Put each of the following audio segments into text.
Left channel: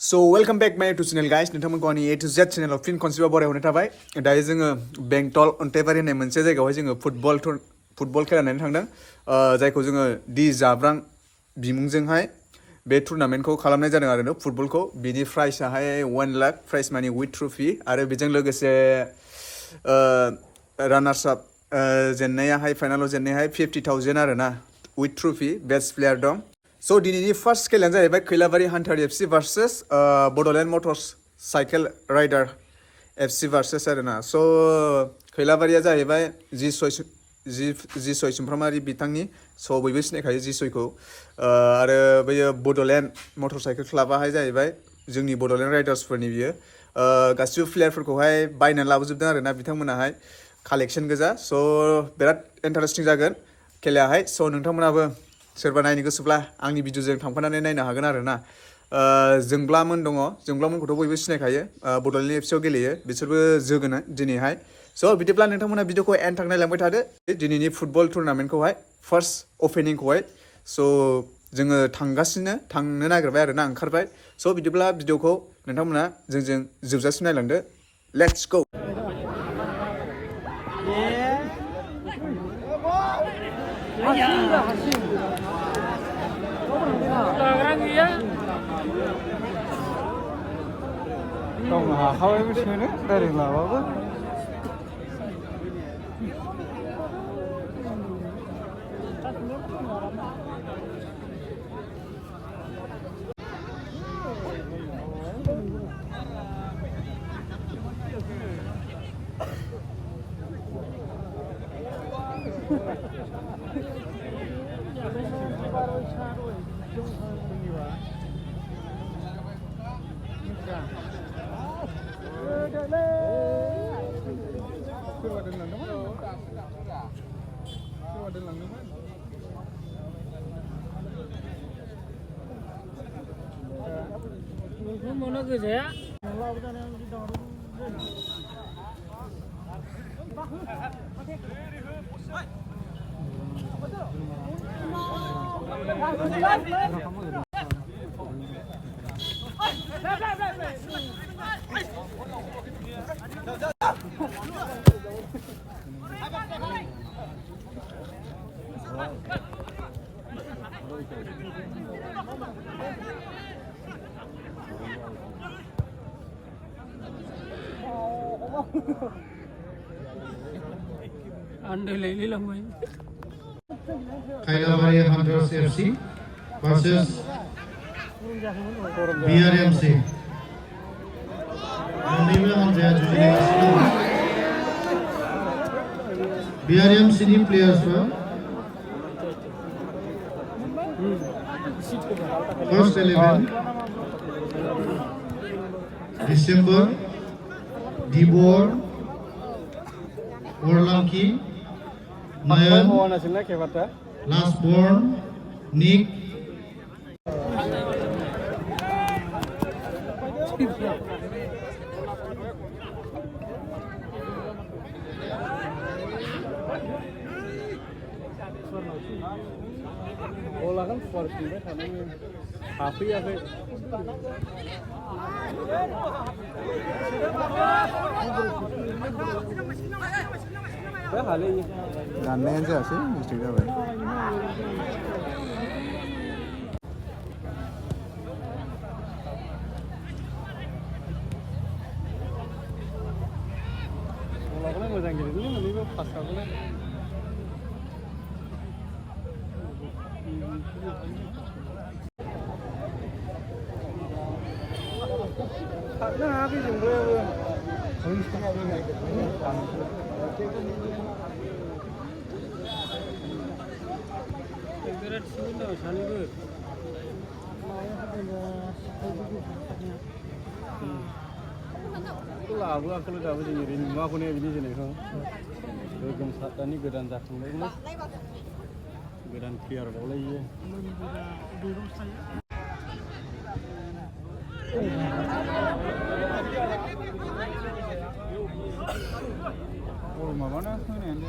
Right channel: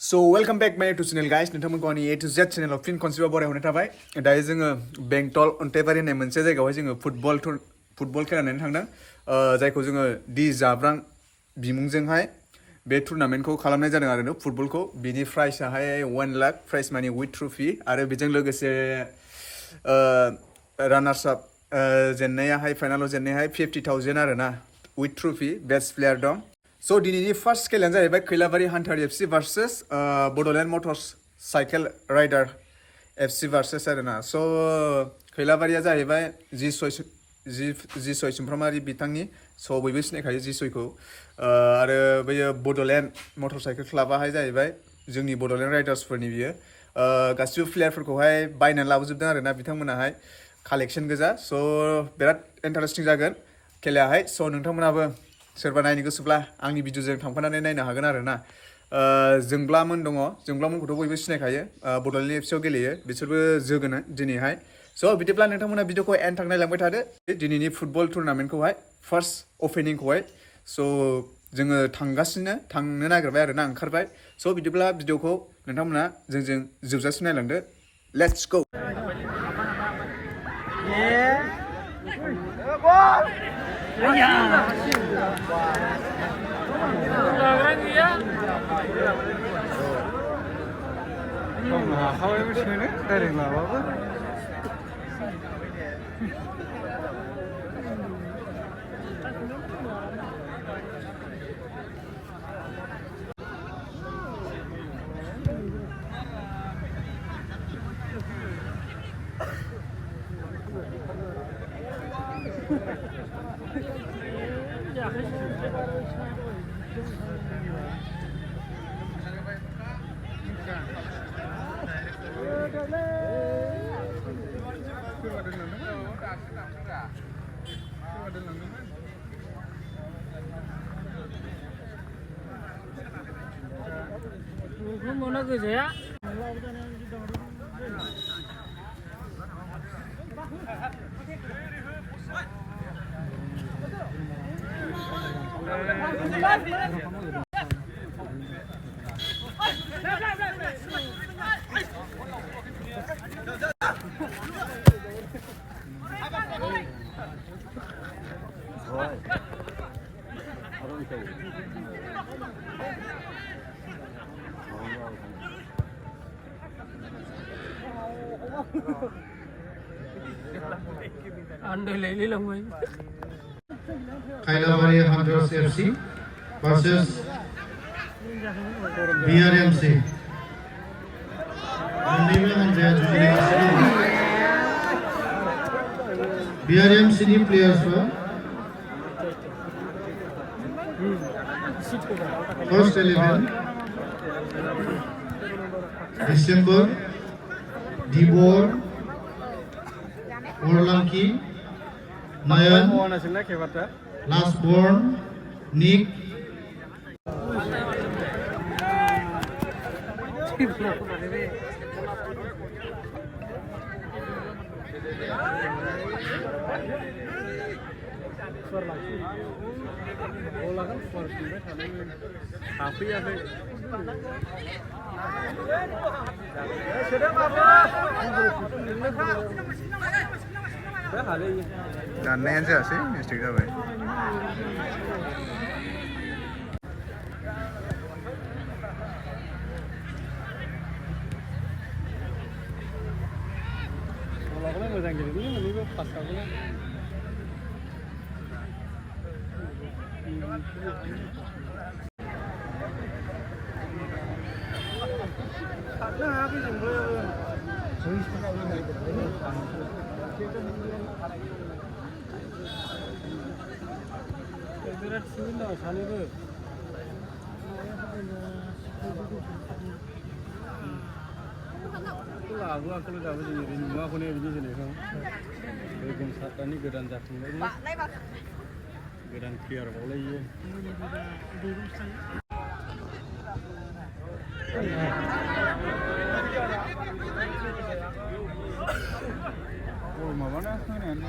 So welcome back my YouTube channel guys. नोंथांमोनखौ आंनि A to Z channel फिन खनसेबाव बरायहरनाय थाबाय। दायो जोङो बेंटल अन्थाइबारि होननाय मोनसे जायगायावहाय जोङो फुटबल खेला नायनो थांदों। जायखौ जोङो दि जाब्रां बिमुंजोंहाय बे टुर्नामेन्टखौ खालामनाय जादों आरो फुटबलखौ। बिनि प्राइसआहाय 1 लाख प्राइस मानि विथ ट्रफि आरो बेजों लोगोसे रानार्स आप जेननायाहाय फाइनालाव जेननायाहाय 50,000 आरो ना विथ ट्रफि बेस्ट प्लेयार दं। स' दिनैनि फार्स्ट खेलायानो जाहैबाय खैलाबारि hunter FC versus Bodoland motors cycle rider FC versus आरो ना। स' खैलाबारिया जाहैबाय जिसय सुमफ्रामारि बिथांनि स' बयबो सिनायखायो जिसयखौ। आरो बैयो बड'लेण्ड मटर साइकेल क्लाबाहाय जाहैबाय जोंनि बड'लेण्ड राइडार्सफोरनि बियो। गासिबो प्लेयारफोरखौहाय बायनानै लाबोजोबदों आरो ना बिथांमोनाहाय कालेक्सन गोजा। स' बिराद इन्टारेस्टिं जागोन खेलायाहाय। स' नोंथांमोनाबो सोरबा नायनो गोसोब्ला आंनि भिडिअजों थांफानानै नायनो हागोन आरो ना। जोंब्लामोन दङ, जोंब्लामोनखौथ' बयबो सिनायखायो, बड'लेण्ड FCआव गेलेयो, बिसोरबो जोगोन दिनैहाय। स' बिदिब्ला नोंथांमोना भिडिअखौ एन्ड थां नायलांबाय थादो दिनैनि फुटबल टुर्नामेन्टखौहाय फार्स्ट अपेनिंखौहाय। स' जोङो थांनो नागिरबाय आरो ना, ओंखारबाय। स' बिदिब्ला भिडिअखौ नोंथांमोना जोंजों जोबजासिम नायलांदो। Let's go. Mana kerja? Anda lele lang mo. Kailabari Hunters FC versus BRMC. मोननैबो हानजाया जुजिलायगासिनो दं। BRMC नि प्लेयार्सफोरा फर्स्ट 11 डिसेम्बर दिबर Orlanki, Nayan, Last Born, Nick, दाननायानो जायासै मिस्टेक जाबाय। मोजां गेलेदों मोननैबो पास खालामनाय। बिराद सुबिदा सानैबो लाबोआखैनो दाबो जों ओरैनो नुवाखौनो बिदि जोनायखौ। गोगोम सातटानि गोदान जाखांबायमोन, गोदान प्लेयार बावलायो। बल माबाना होनायानो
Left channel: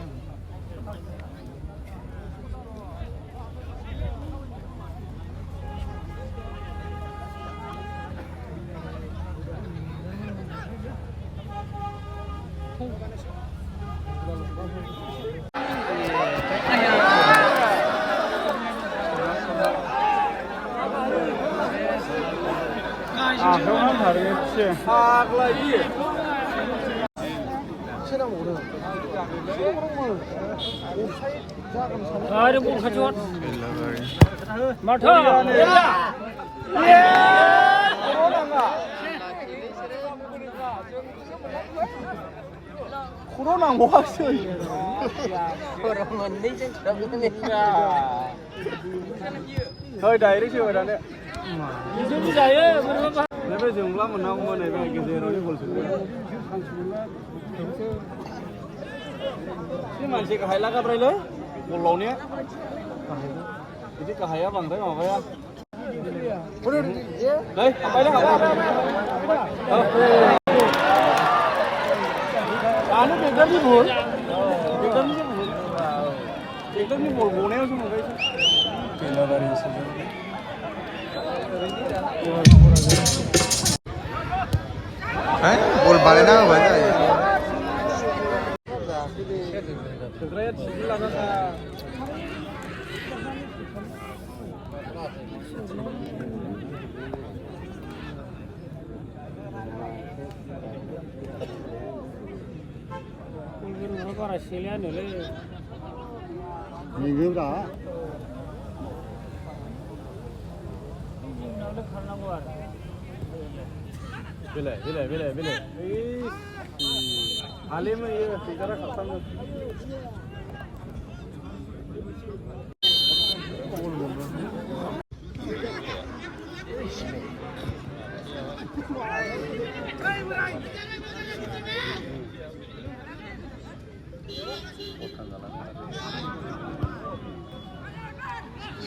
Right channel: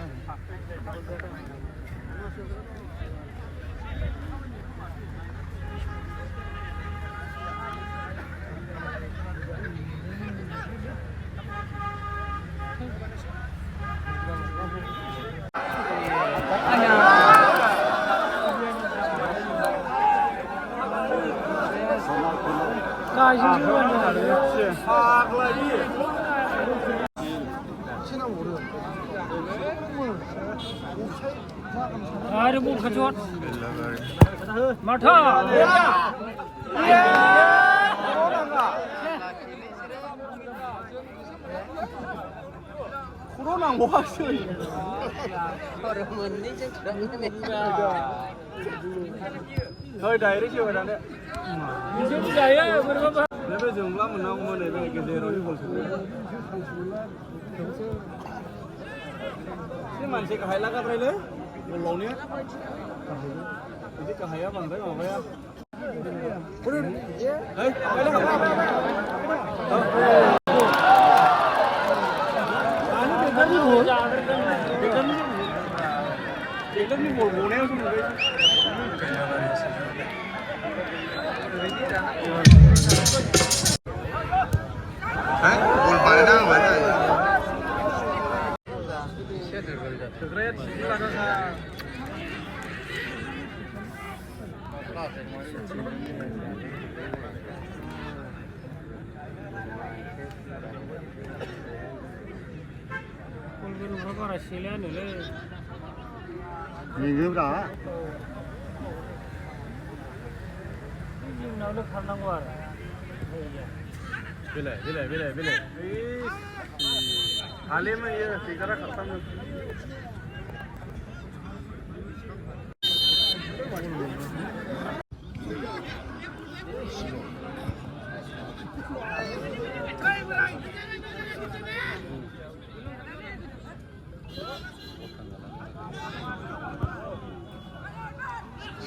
아래 뭐 가져와. 벨라가리. 마타. 코로나 뭐 하시? hơi đầy đấy chưa đấy. 이제 자요. 그러면 nãy dừng lắm mà nó không này về cái gì rồi còn nhưng mà chỉ cái là cái này đấy một lầu nhé cái cái hay bằng thế mà vậy đây bay đó à nó cái gì buồn cái gì buồn buồn neo xuống rồi Hah? Bol balayna hoba जायो Great, sila na sa 꼴그로 가봐라 실례하네. 이거라. 지금 나도 가는 거 알아. Bile. Halim ये figure खत्म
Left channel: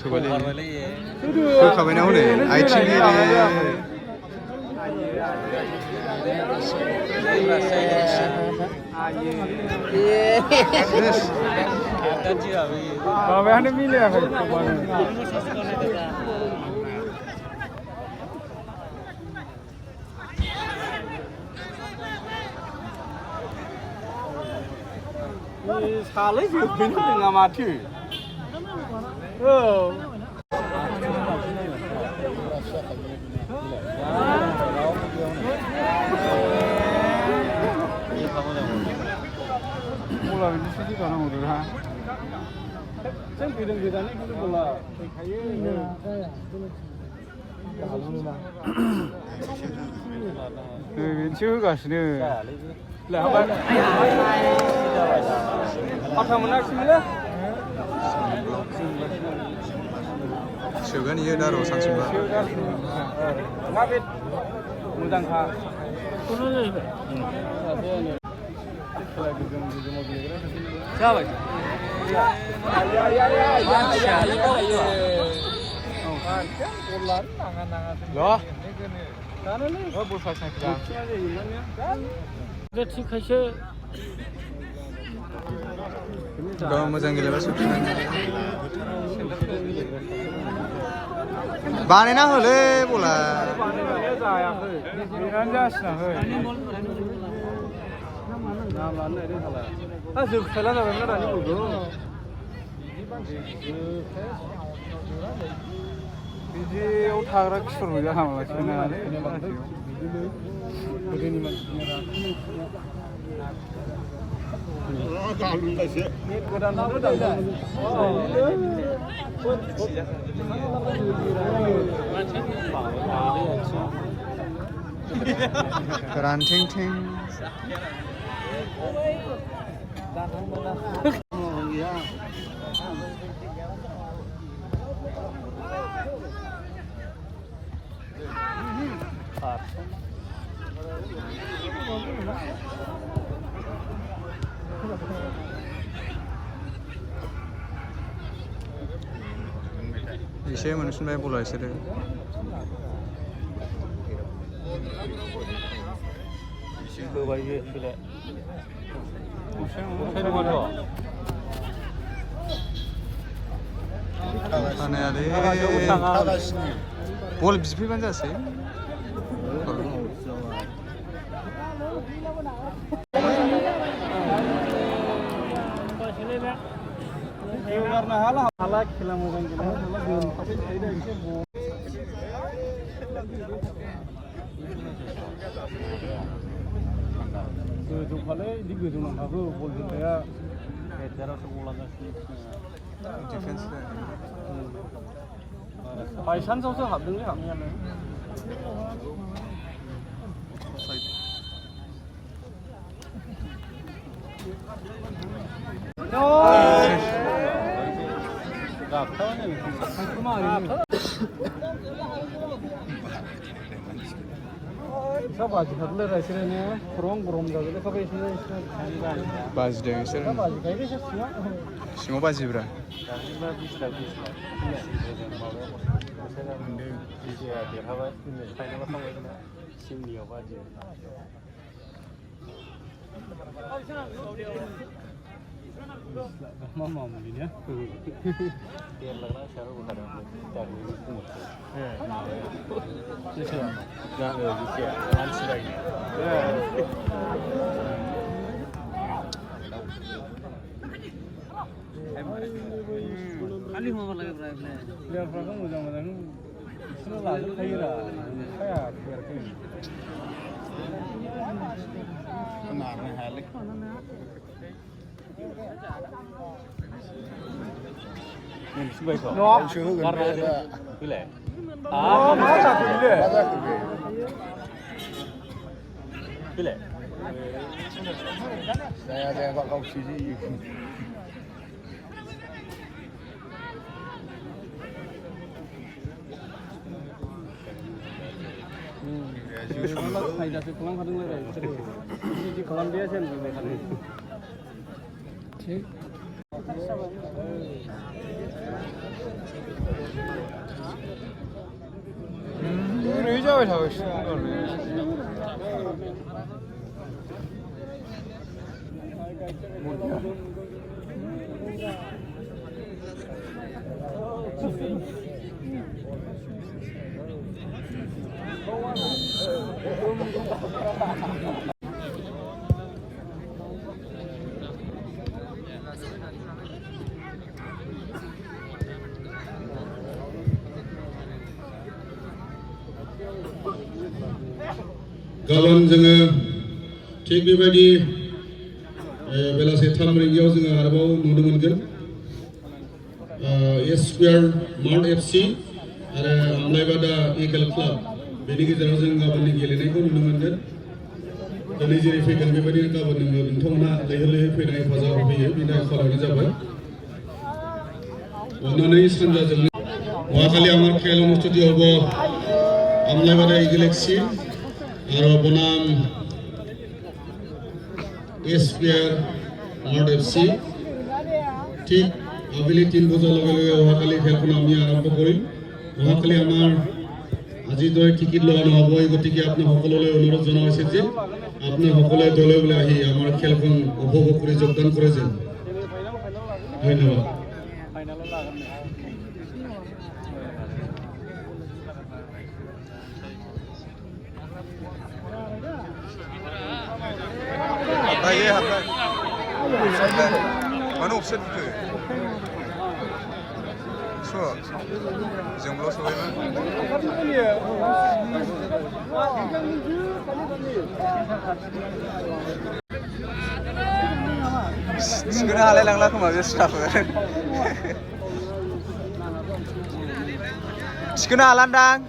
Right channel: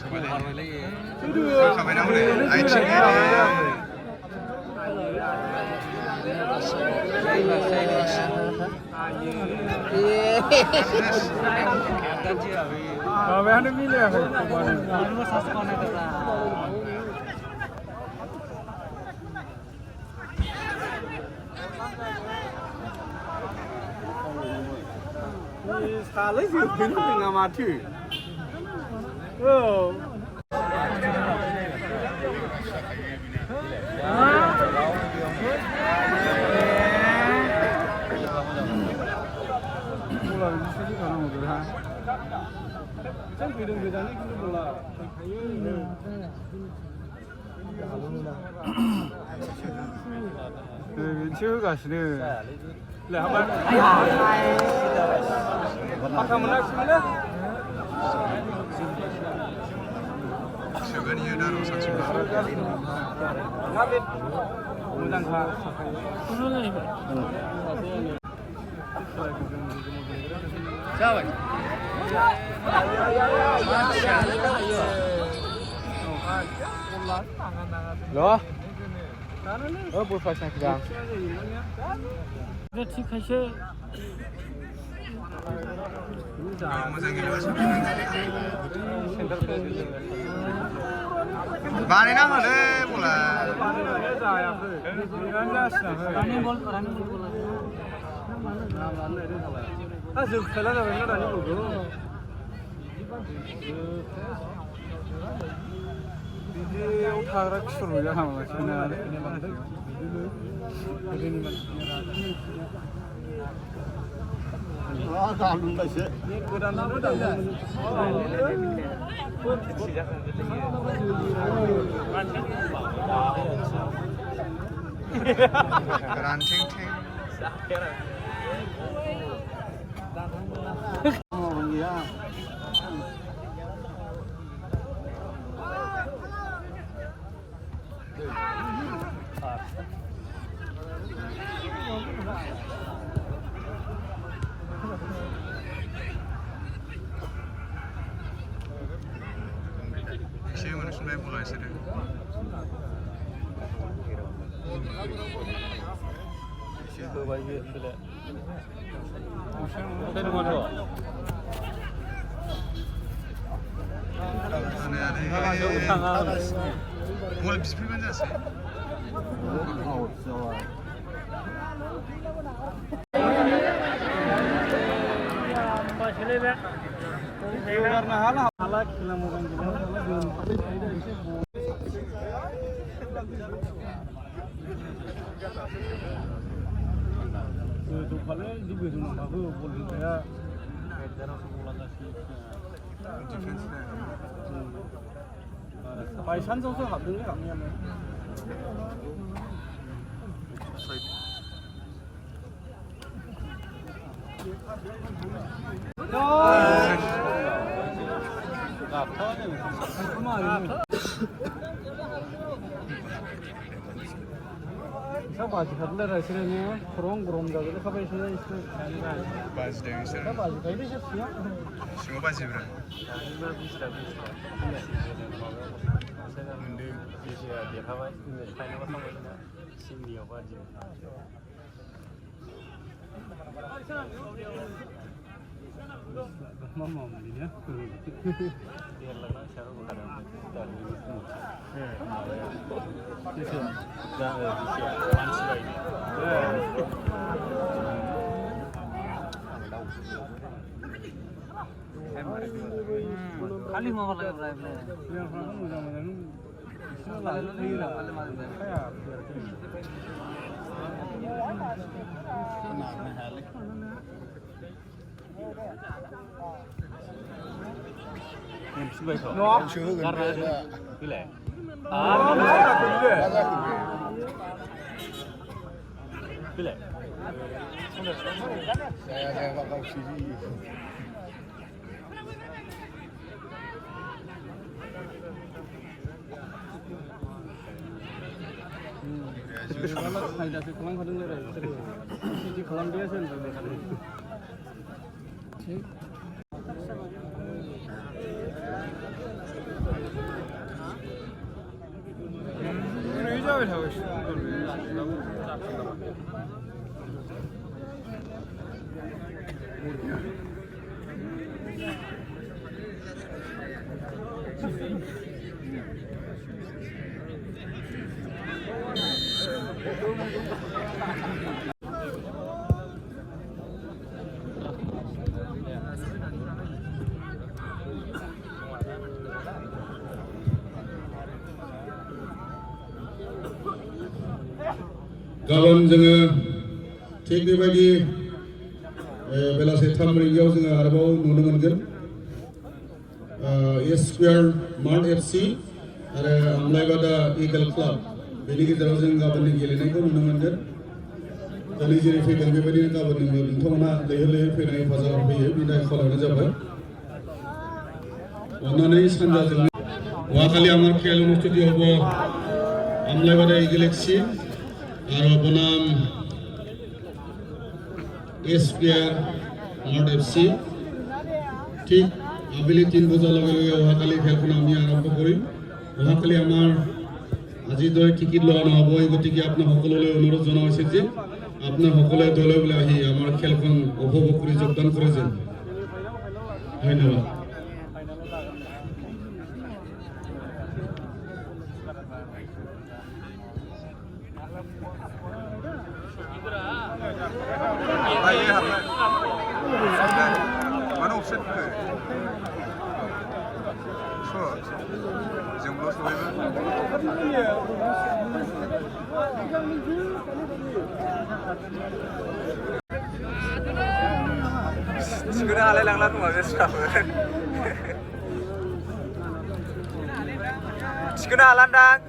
सोबाले 그 가면은 오늘 아이치니 Kau ada milih apa? Salah sih, pintu nggak mati. Oh. Bola ini sih karena mudah ha. Ceng bidang-bidang ini kan bola. Chưa cả sini. Lah apa? Apa menak sini lah? Sugan iya daro sansimba. Ngabit. Undang ha. 오늘은 이거. Loh. Sana nih. Oh, bosnya kan. 이거 티카셔. Kalau मोजां गेलेबासो बानायना होलै बला बिदियाव थाग्रा खिफोर गैया नामा गोदोनि ranting-ting एसे मोनफिनबाय बला बिसोरो होबाय बे थानायालै बल बिफैबानो जासै Mbak Selera. karena hala खेला मोजां गेलेनो गोलोमफाबाय थायो एसे गोजौखालै बिदि गोजौ नांखागौ बल जोग्राया बायसान्सआवसो हाबदोंलै हाबनायालाय बाजिफोरनो रायज्लायनो गरम गरम जाबाय लेखाबाय बाजिदों बिसोर सिङाव बाजिब्रा Mama mungkin ya. Kali mau lagi berapa? Dia berapa mudah-mudahan itu lalu kira kayak गाबोन जोङो थिग बेबायदि बेलासे 3 रिंगायाव जोङो आरोबाव नुनो मोनगोन एस स्क्वायर मार्ट एफसि आरो आमलाइबादा इगल क्लाब बेनि गेजेराव जों गाबोननि गेलेनायखौ नुनो मोनगोन दिनै जेरै फैगोन बेबायदिनो गाबोन नोंथांमोना लैहोर लैहोर फैनानै हेफाजाब होफैयो बिनि थाखाय खावलायनाय जाबाय अन्नानै सानजाजों अहाखालि आमार खेल अनुष्ठित हब आमलाइबादा इगल एफसि आरो बनाम एस स्क्वायर मार्ट एफसि ঠিক আবেলি 3 বজাৰ লগে লগে অহাকালি খেলখন আমি আৰম্ভ কৰিম অহাকালি আমাৰ আজি দৰে টিকিট লোৱা নহ'ব গতিকে আপোনাৰ সকলোলৈ অনুৰোধ জনোৱা হৈছে যে আপোনাৰ সকলোৱে দলে বলে আহি আমাৰ খেলখন উপভোগ কৰি যোগদান কৰে যেন ধন্যবাদ Mana offset ke? So, jomblo sebay mah. Segera halal lang lah kemarin sekarang. Segera halan dang.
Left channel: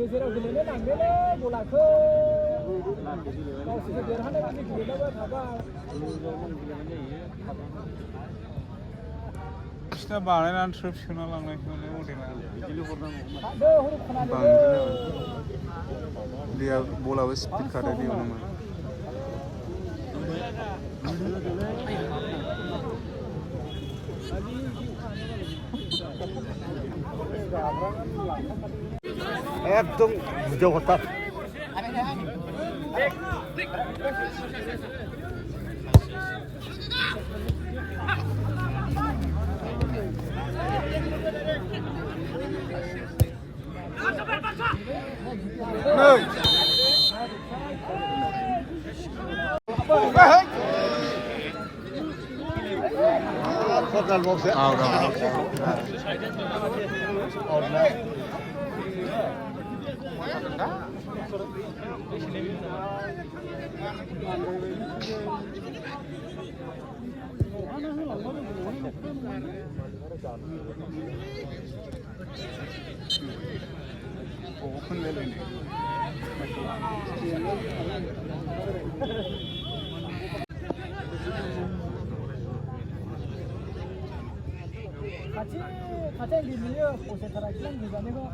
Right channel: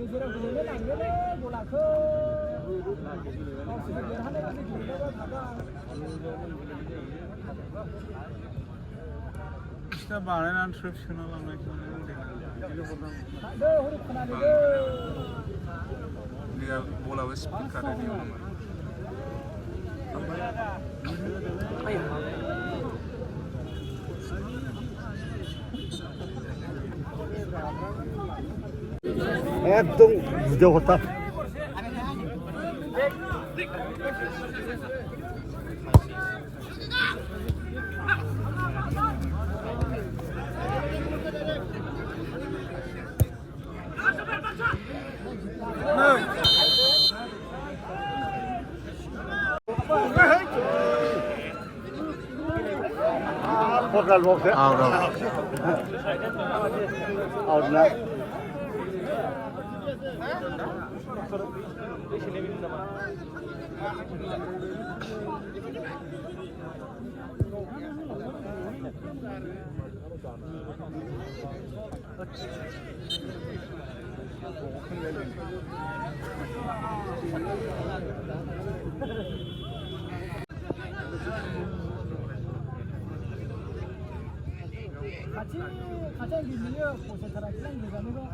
गेजेराव गेलेनो लांदोलै बलाखौ गावसोरनो देरहानाय बायदि गेलेलायबाय थाबाय बिसिना बानायनानै ट्रिप सोना लांनायखौनो मडेला थादो हरै खोनादो दैया बलाबो स्पिड खारो दैयावनो একদম ভিডিও কথা out 같이 गेलेयो पसेटाराखि आं गोजाननिखौ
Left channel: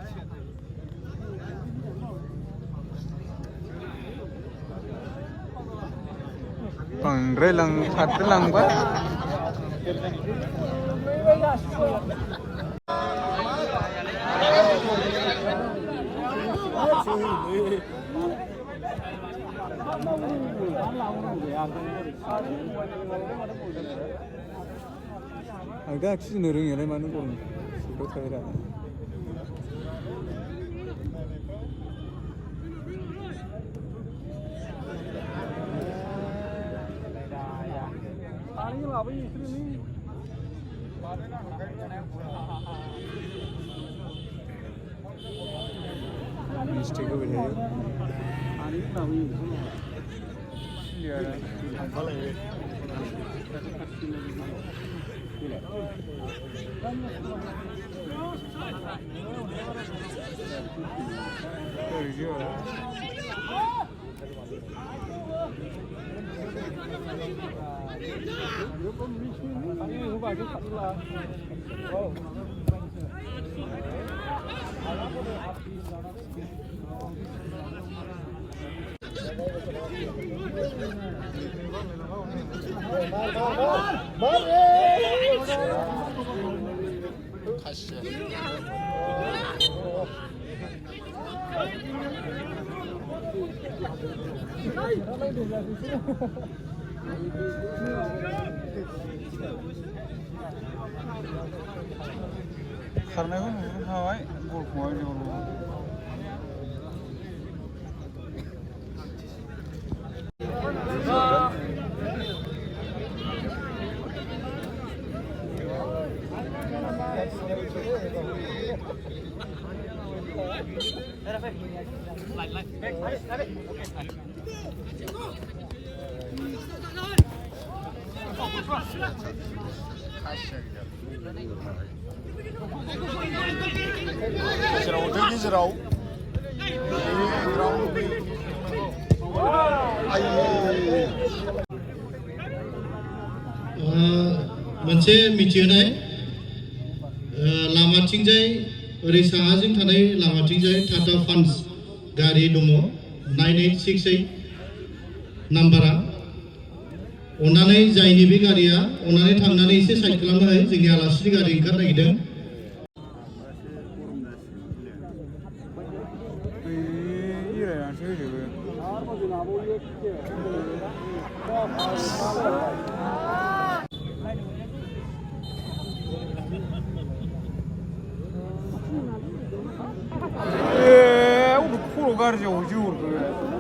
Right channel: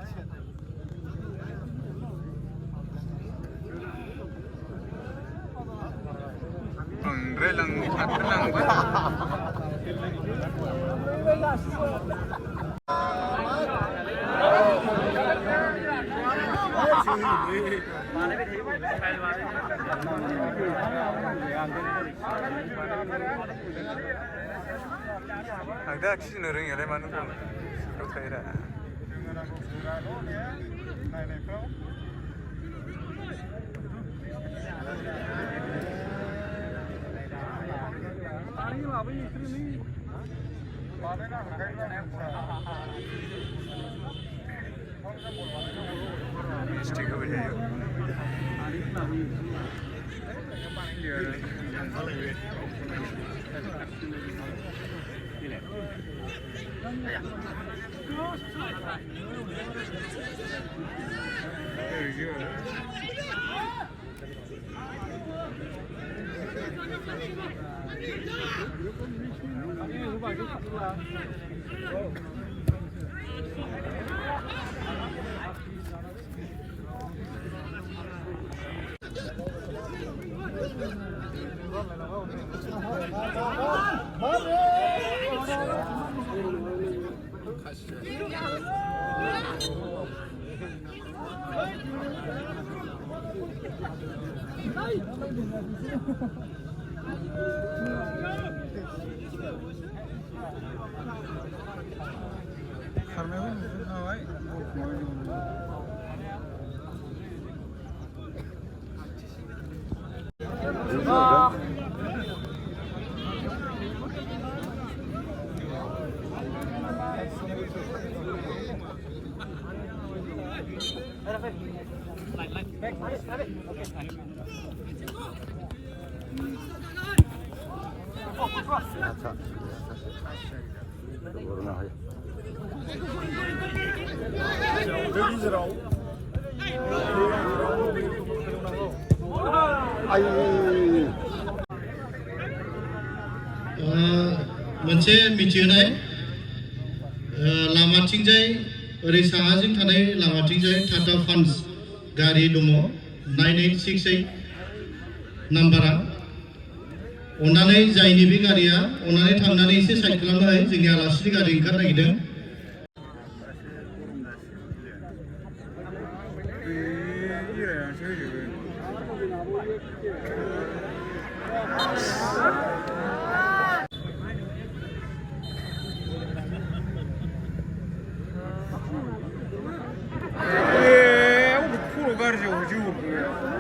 बांद्राय लांबा आं दा खिनो रोङियालाय मानो मिस्टेक होबाय खारनायखौ नुखाबाय बलखौहाय जल गेजेराव मोनसे मिथिहोनाय लामाथिंजाय ओरै साहाजों थानाय लामाथिंजाय टाटा पान्च गारि दङ 9868 नाम्बारा अन्नानै जायनि बे गारिया अन्नानै थांनानै एसे साइड खालामनो हायो जोंनि आलासिनि गारि ओंखारनो नागिरदों बायनानैसो होजोबो आरो जोंनाबो एखे अबे खर' गाज्रियाव जोहरखो